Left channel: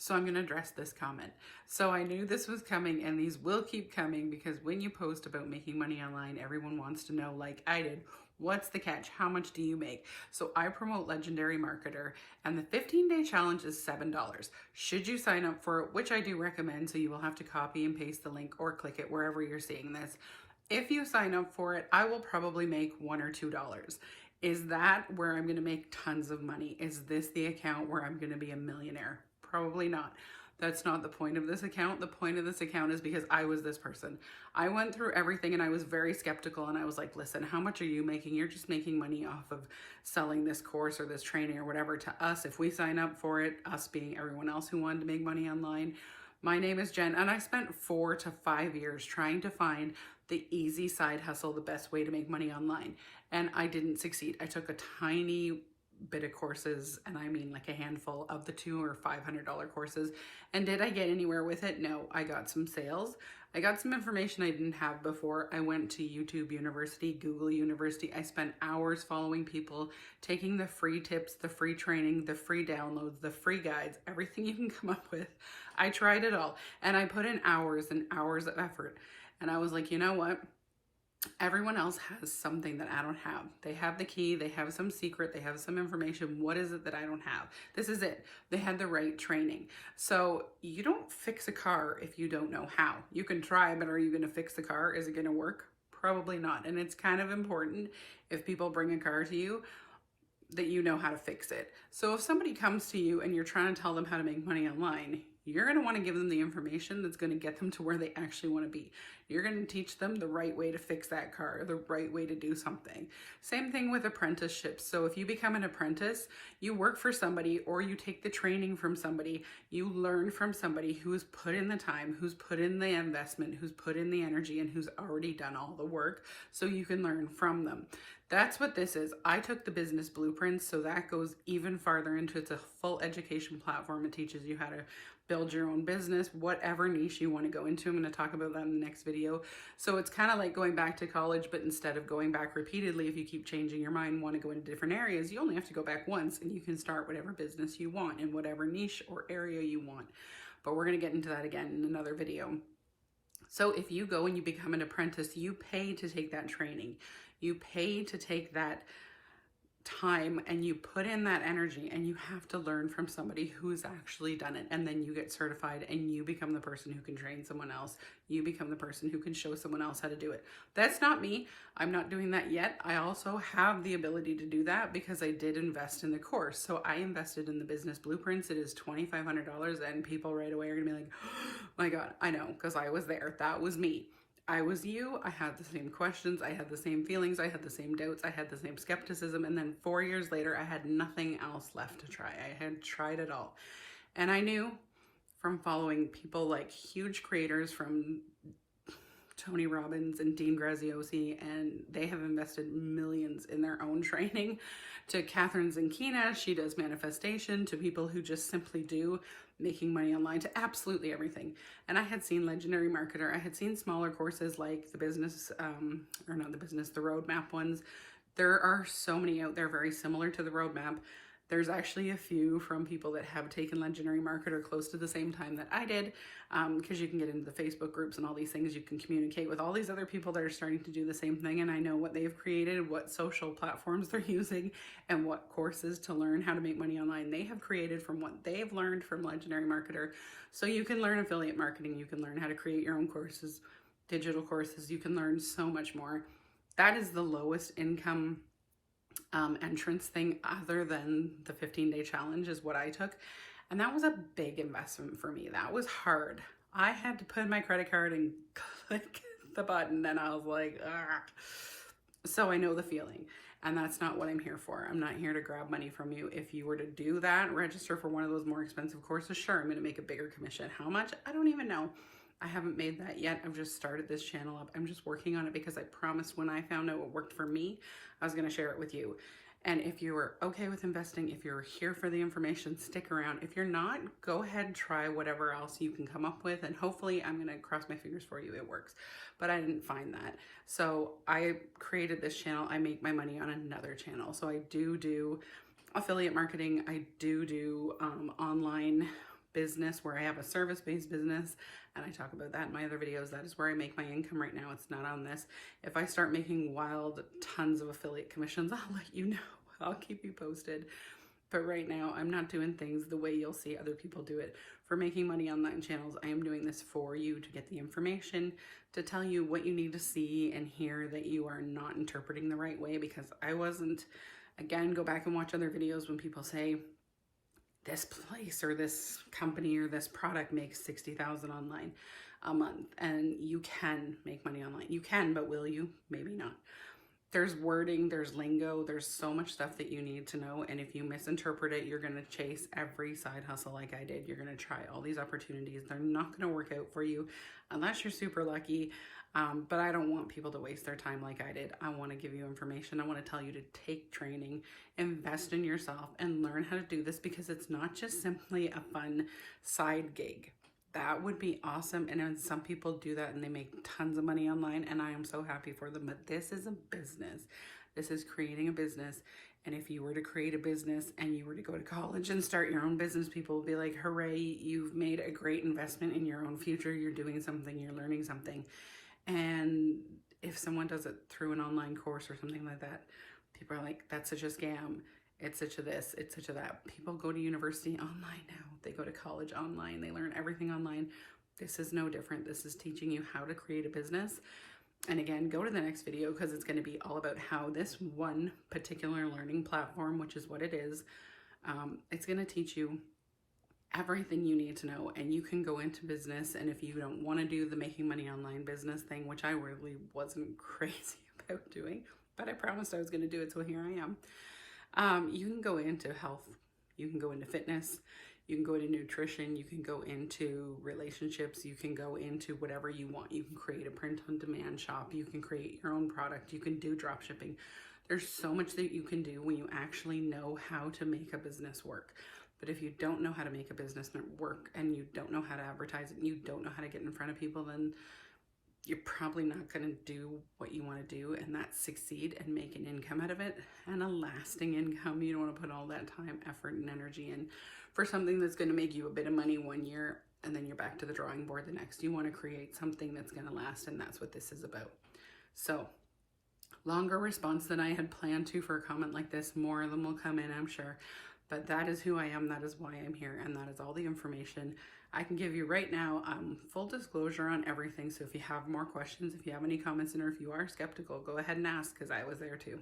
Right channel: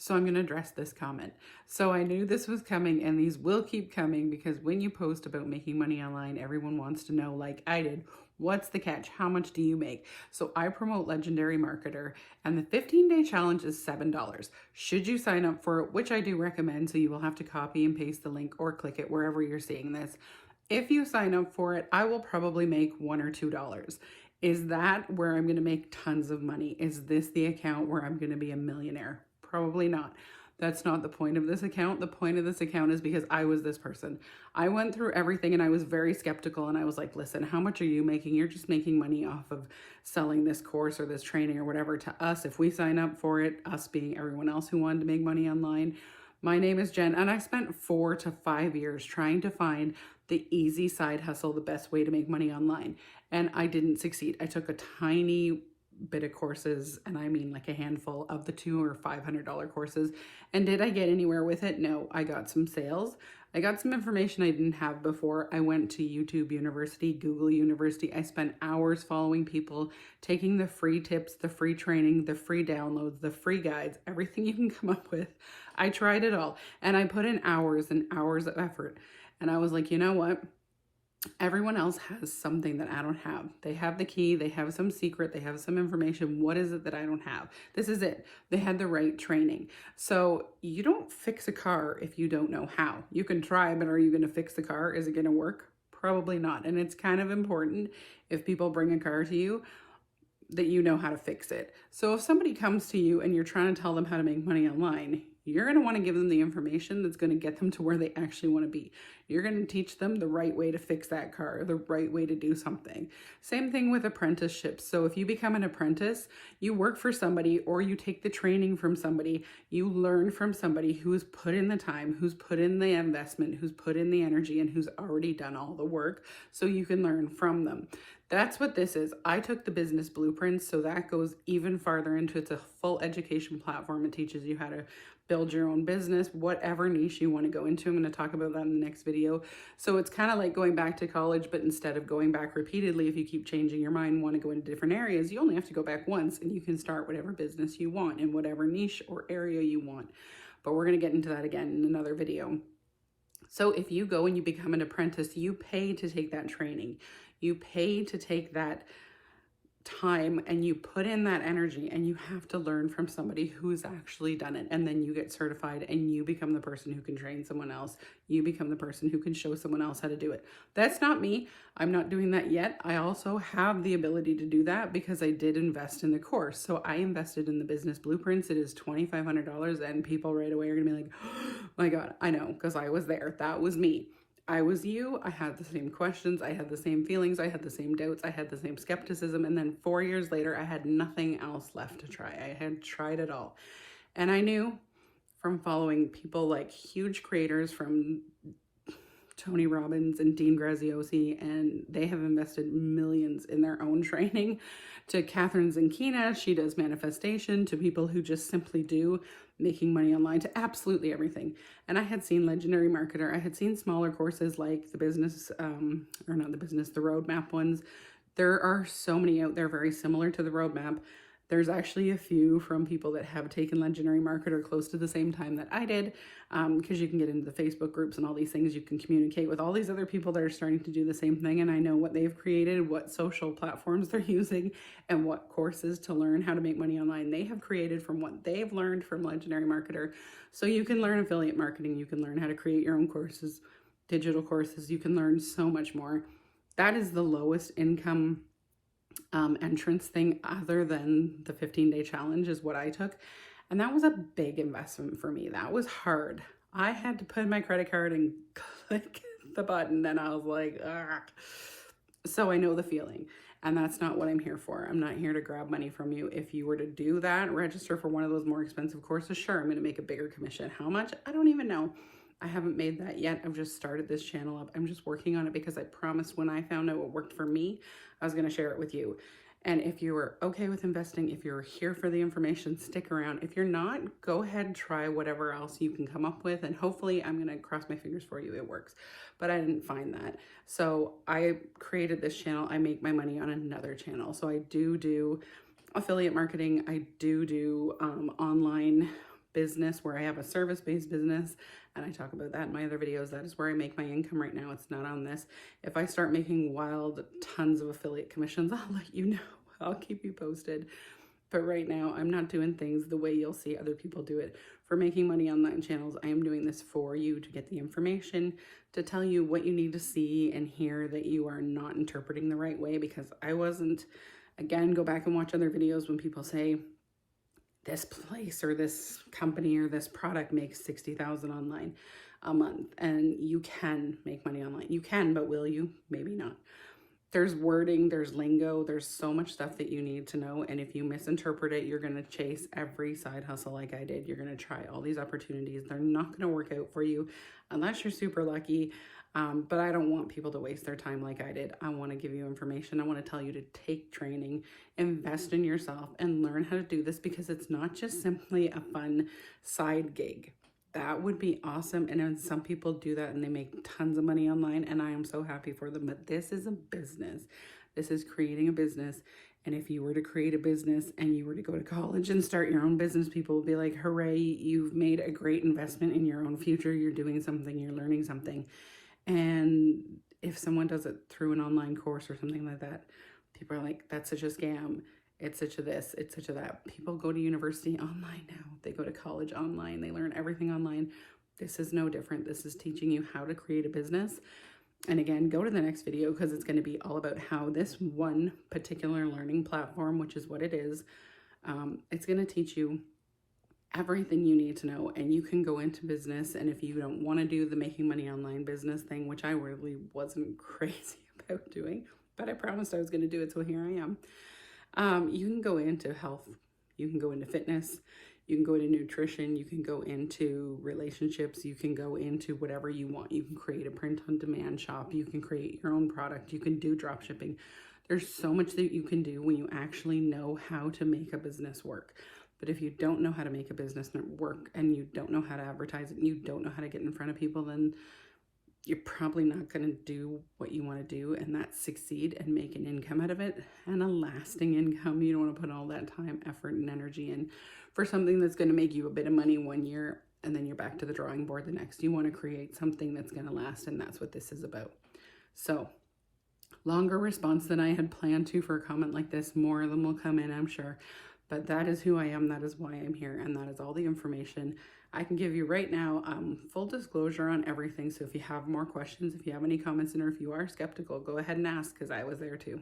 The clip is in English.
So I'm going to address this comment. So I knew this was coming, and these will keep coming because when you post about making money online, everyone wants to know, like I did, what's the catch? How much do you make? So I promote Legendary Marketer, and the 15-day challenge is $7. Should you sign up for it, which I do recommend, so you will have to copy and paste the link or click it wherever you're seeing this. If you sign up for it, I will probably make $1 or $2. Is that where I'm going to make tons of money? Is this the account where I'm going to be a millionaire? Probably not. That's not the point of this account. The point of this account is because I was this person. I went through everything and I was very skeptical, and I was like, listen, how much are you making? You're just making money off of selling this course or this training or whatever to us. If we sign up for it, us being everyone else who wanted to make money online. My name is Jen, and I spent 4 to 5 years trying to find the easy side hustle, the best way to make money online. And I didn't succeed. I took a tiny bit of courses, and I mean like a handful of the $200 or $500 courses. And did I get anywhere with it? No. I got some sales. I got some information I didn't have before. I went to YouTube University, Google University. I spent hours following people, taking the free tips, the free training, the free downloads, the free guides, everything you can come up with. I tried it all, and I put in hours and hours of effort. And I was like, you know what? Everyone else has something that I don't have. They have the key, they have some secret, they have some information. What is it that I don't have? This is it. They had the right training. So you don't fix a car if you don't know how. You can try, but are you going to fix the car? Is it going to work? Probably not. And it's kind of important, if people bring a car to you, that you know how to fix it. So if somebody comes to you and you're trying to tell them how to make money online, you're going to want to give them the information that's going to get them to where they actually want to be. You're going to teach them the right way to fix that car, the right way to do something. Same thing with apprenticeships. So if you become an apprentice, you work for somebody, or you take the training from somebody, you learn from somebody who's put in the time, who's put in the investment, who's put in the energy, and who's already done all the work, so you can learn from them. That's what this is. I took the business blueprints, so that goes even farther into it's a full education platform. It teaches you how to build your own business, whatever niche you want to go into. I'm going to talk about that in the next video. So it's kind of like going back to college, but instead of going back repeatedly, if you keep changing your mind, want to go into different areas, you only have to go back once, and you can start whatever business you want in whatever niche or area you want. But we're going to get into that again in another video. So if you go and you become an apprentice, you pay to take that training. You pay to take that time, and you put in that energy, and you have to learn from somebody who's actually done it. And then you get certified, and you become the person who can train someone else. You become the person who can show someone else how to do it. That's not me. I'm not doing that yet. I also have the ability to do that because I did invest in the course. So I invested in the business blueprints. It is $2,500, and people right away are gonna be like, oh my God, I know, because I was there. That was me. I was you. I had the same questions. I had the same feelings. I had the same doubts. I had the same skepticism. And then 4 years later, I had nothing else left to try. I had tried it all. And I knew from following people like huge creators from Tony Robbins and Dean Graziosi, and they have invested millions in their own training, to Catherine Zankina, she does manifestation, to people who just simply do making money online, to absolutely everything. And I had seen Legendary Marketer. I had seen smaller courses like the business, or not the business, the roadmap ones. There are so many out there very similar to the roadmap. There's actually a few from people that have taken Legendary Marketer close to the same time that I did, because you can get into the Facebook groups and all these things. You can communicate with all these other people that are starting to do the same thing, and I know what they've created, what social platforms they're using, and what courses to learn how to make money online they have created from what they've learned from Legendary Marketer. So you can learn affiliate marketing, you can learn how to create your own courses, digital courses, you can learn so much more. That is the lowest income entrance thing other than the 15-day challenge is what I took. And that was a big investment for me. That was hard. I had to put in my credit card and click the button, and I was like, ah. So I know the feeling, and that's not what I'm here for. I'm not here to grab money from you. If you were to do that, register for one of those more expensive courses, sure, I'm going to make a bigger commission. How much? I don't even know. I haven't made that yet. I've just started this channel up. I'm just working on it because I promised when I found out what worked for me, I was going to share it with you. And if you are okay with investing, if you're here for the information, stick around. If you're not, go ahead and try whatever else you can come up with. And hopefully, I'm going to cross my fingers for you, it works. But I didn't find that. So I created this channel. I make my money on another channel. So I do affiliate marketing. I do online business where I have a service-based business, and I talk about that in my other videos. That is where I make my income right now. It's not on this. If I start making wild tons of affiliate commissions, I'll let you know. I'll keep you posted. But right now, I'm not doing things the way you'll see other people do it. For making money online channels, I am doing this for you to get the information, to tell you what you need to see and hear that you are not interpreting the right way, because I wasn't. Again, go back and watch other videos when people say, this place or this company or this product makes $60,000 online a month, and you can make money online. You can, but will you? Maybe not. There's wording, there's lingo, there's so much stuff that you need to know. And if you misinterpret it, you're going to chase every side hustle like I did. You're going to try all these opportunities. They're not going to work out for you unless you're super lucky. But I don't want people to waste their time like I did. I want to give you information. I want to tell you to take training, invest in yourself, and learn how to do this, because it's not just simply a fun side gig. That would be awesome. And some people do that and they make tons of money online, and I am so happy for them. But this is a business. This is creating a business. And if you were to create a business and you were to go to college and start your own business, people will be like, hooray, you've made a great investment in your own future. You're doing something, you're learning something. And if someone does it through an online course or something like that, people are like, that's such a scam. It's such a this, it's such a that. People go to university online now. They go to college online. They learn everything online. This is no different. This is teaching you how to create a business. And again, go to the next video, because it's going to be all about how this one particular learning platform, which is what it is, it's going to teach you everything you need to know, and you can go into business. And if you don't want to do the making money online business thing, which I really wasn't crazy about doing, but I promised I was going to do it, so here I am. You can go into health, you can go into fitness, you can go into nutrition, you can go into relationships, you can go into whatever you want. You can create a print-on-demand shop, you can create your own product, you can do drop shipping. There's so much that you can do when you actually know how to make a business work. But if you don't know how to make a business work, and you don't know how to advertise it, and you don't know how to get in front of people, then you're probably not going to do what you want to do, and that's succeed and make an income out of it, and a lasting income. You don't want to put all that time, effort, and energy in for something that's going to make you a bit of money one year, and then you're back to the drawing board the next. You want to create something that's going to last, and that's what this is about. So, longer response than I had planned to for a comment like this. More of them will come in, I'm sure. But that is who I am, that is why I'm here, and that is all the information I can give you right now. Full disclosure on everything, so if you have more questions, if you have any comments, or if you are skeptical, go ahead and ask, because I was there too.